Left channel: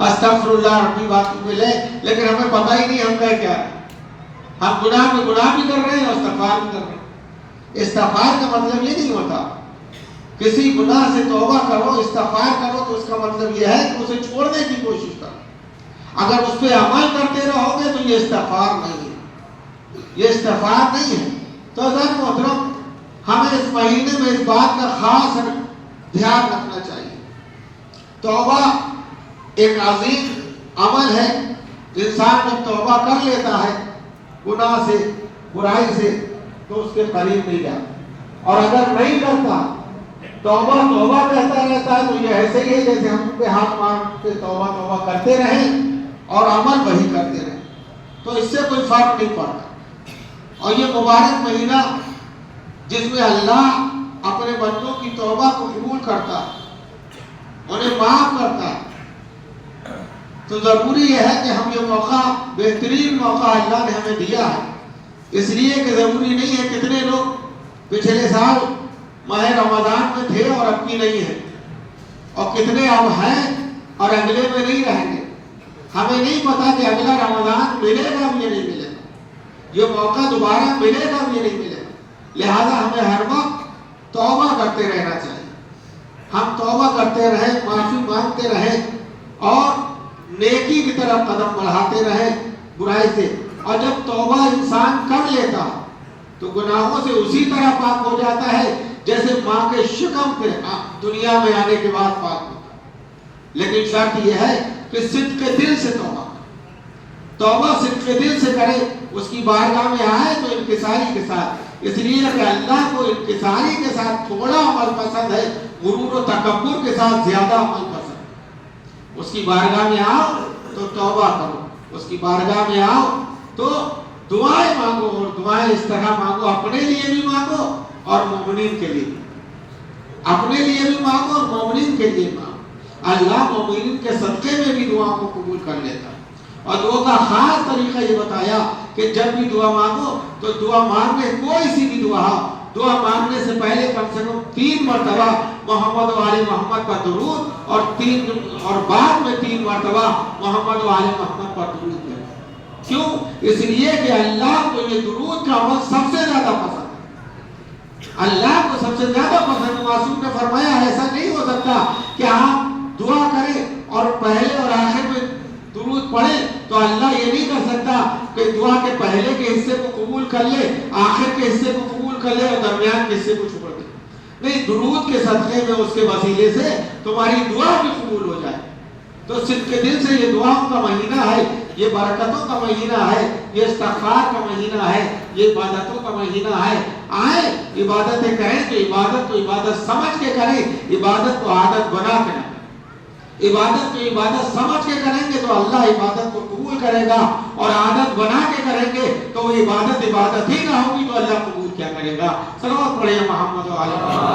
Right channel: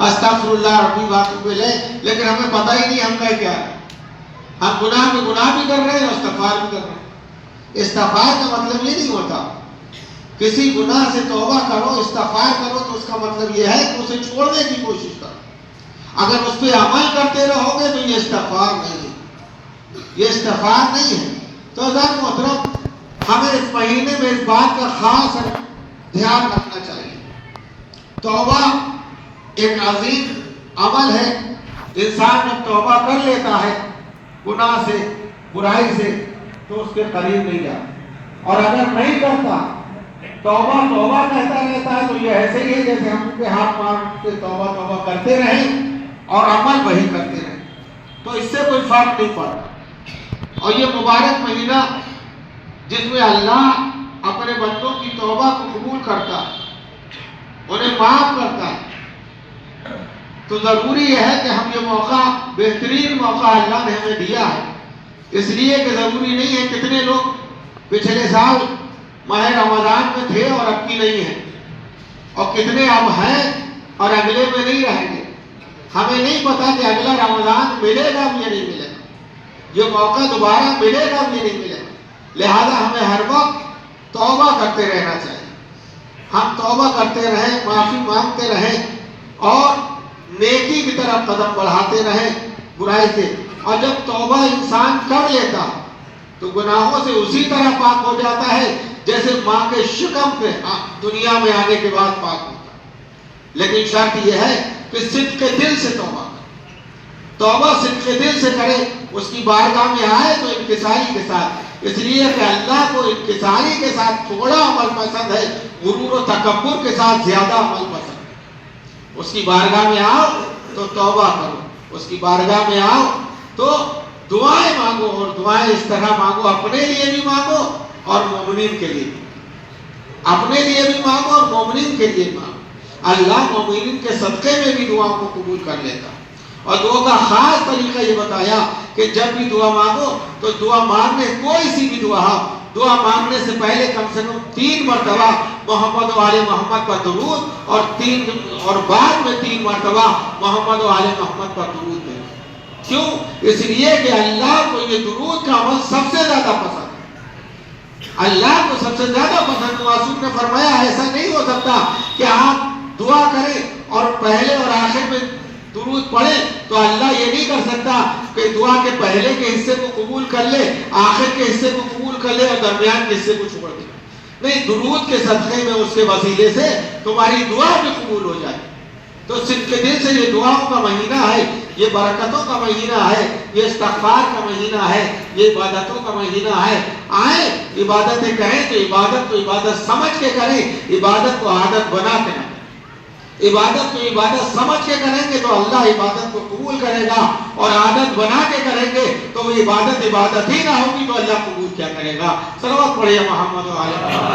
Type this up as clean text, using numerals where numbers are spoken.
استغفراللہ ربی باتوں پہ لے، لیکن ہمیں پتہ ہی نہیں ہم کا کیا ہے۔ ہم گناہ میں گناہ بھی کر رہے ہیں اور استغفار بھی کر رہے ہیں۔ استغفار کا مطلب یہ نہیں ہوتا کسی گناہ سے توبہ کرو، استغفار کرو، تو اس کا مطلب یہ ہے کہ اسے چھوڑنے کی کوشش کرو۔ اگر اس پہ عمل کرتے رہو گے تو یہ استغفار نہیں ہے، یہ استغفار نہیں ہے۔ تو عزیز محترم، ہمیں اس مہینے میں اس بات کا خاص دھیان رکھنا چاہیے۔ توبہ ایک عظیم عمل ہے۔ انسان جب توبہ کر لیتا ہے گناہ سے، برائی سے، تو اس کے قریب نہیں جاتا، اور اگر نہیں کرتا، توبہ توبہ کہتا رہتا ہے، تو یہ ایسے ہی ہے جیسے ہم پہ ہاتھ مار کے توبہ توبہ کرتے رہیں اور عمل وہی کرتے رہیں، تو اس سے کوئی فرق نہیں پڑتا۔ اور یہ مبارک مہینہ جس میں اللہ اپنے بندوں کی توبہ کو قبول کرتا، انہیں معاف کرتا، تو ضروری یہ ہے کہ ہم یہ موقع، بہترین موقع اللہ نے ہمیں دیا ہے۔ اس لیے کہ ضروری نہیں ہے کتنے لوگ پچھلے سال ماہ رمضان میں تھے اور اب کی نہیں ہیں، اور کتنے اب ہیں اور اگلے میں نہیں رہیں گے۔ ہمیں نہیں پتا کہ اگلا رمضان ملے گا یا نہیں ملے گا، یہ موقع دوبارہ ملے گا یا نہیں ملے گا۔ لہذا ہمیں ہر وقت توبہ کرتے رہنا چاہیے۔ ہم توبہ کرتے رہیں، معافی مانگتے رہیں، اور نیکی کی طرف قدم بڑھاتے رہیں برائی سے۔ اور جب توبہ انسان کر لیتا تو گناہوں سے اسی طرح پاک ہو جاتا ہے جیسے ماں کے شکم پہ دنیا میں آنے کے بعد پاک ہوتا ہے۔ لیکن شرط یہ ہے کہ صدق کے دل سے توبہ کرے، توبہ صدق کے دل سے کرے، اس کی بارگاہ میں آئے تو انکساری کے ساتھ، اس لیے کہ اللہ کو انکساری کے ساتھ تھوڑا عمل پسند ہے، غرور و تکبر کے ساتھ زیادہ عمل پسند ہے۔ اس کی بارگاہ میں آؤ تو توبہ کرو، اس کی بارگاہ میں آؤ تو دعائیں مانگو، اور دعائیں اس طرح مانگو، اپنے لیے بھی مانگو اور مومنین کے لیے، اپنے لیے بھی مانگو اور مومنین کے لیے مانگو۔ اللہ مومنین کے صدقے میں بھی دعا کو قبول کر لیتا۔ اور دعا کا خاص طریقہ یہ بتایا کہ جب بھی دعا مانگو تو دعا مانگنے، کوئی سی بھی دعا مانگنے سے پہلے کم سے کم 3 مرتبہ محمد و آل محمد پر درود، اور بعد میں 3 مرتبہ محمد و آل محمد پر درود ہے۔ کیوں؟ اس لیے کہ اللہ کو یہ درود کا عمل سب سے زیادہ پسند ہے، اللہ کو سب سے زیادہ پسند۔ معصوم نے فرمایا ایسا نہیں ہو سکتا کہ آپ دعا کریں اور پہلے اور آخر میں درود پڑھیں، تو اللہ یہ نہیں کر سکتا کہ دعا کے پہلے کے حصے کو قبول کر لے، آخر کے حصے کو قبول کر لے اور درمیان کے حصے کو چھوڑ دے۔ نہیں، درود کے صدقے میں، اس کے وسیلے سے تمہاری دعا بھی قبول ہو جائے۔ تو صدق کے دل سے یہ دعاؤں کا مہینہ ہے، یہ برکتوں کا مہینہ ہے، یہ استغفار کا مہینہ ہے، یہ عبادتوں کا مہینہ ہے۔ آئیں عبادتیں کریں تو عبادت کو عبادت سمجھ کے کریں، عبادت کو عادت بنا کے نہ کریں۔ عبادت کو عبادت سمجھ کے کریں گے تو اللہ عبادت کو قبول کرے گا، اور عادت بنا کے کریں گے تو وہ عبادت ہی نہ ہوگی تو اللہ قبول کیا کرے گا۔ صلوات پڑھیں محمد و علیہ وسلم۔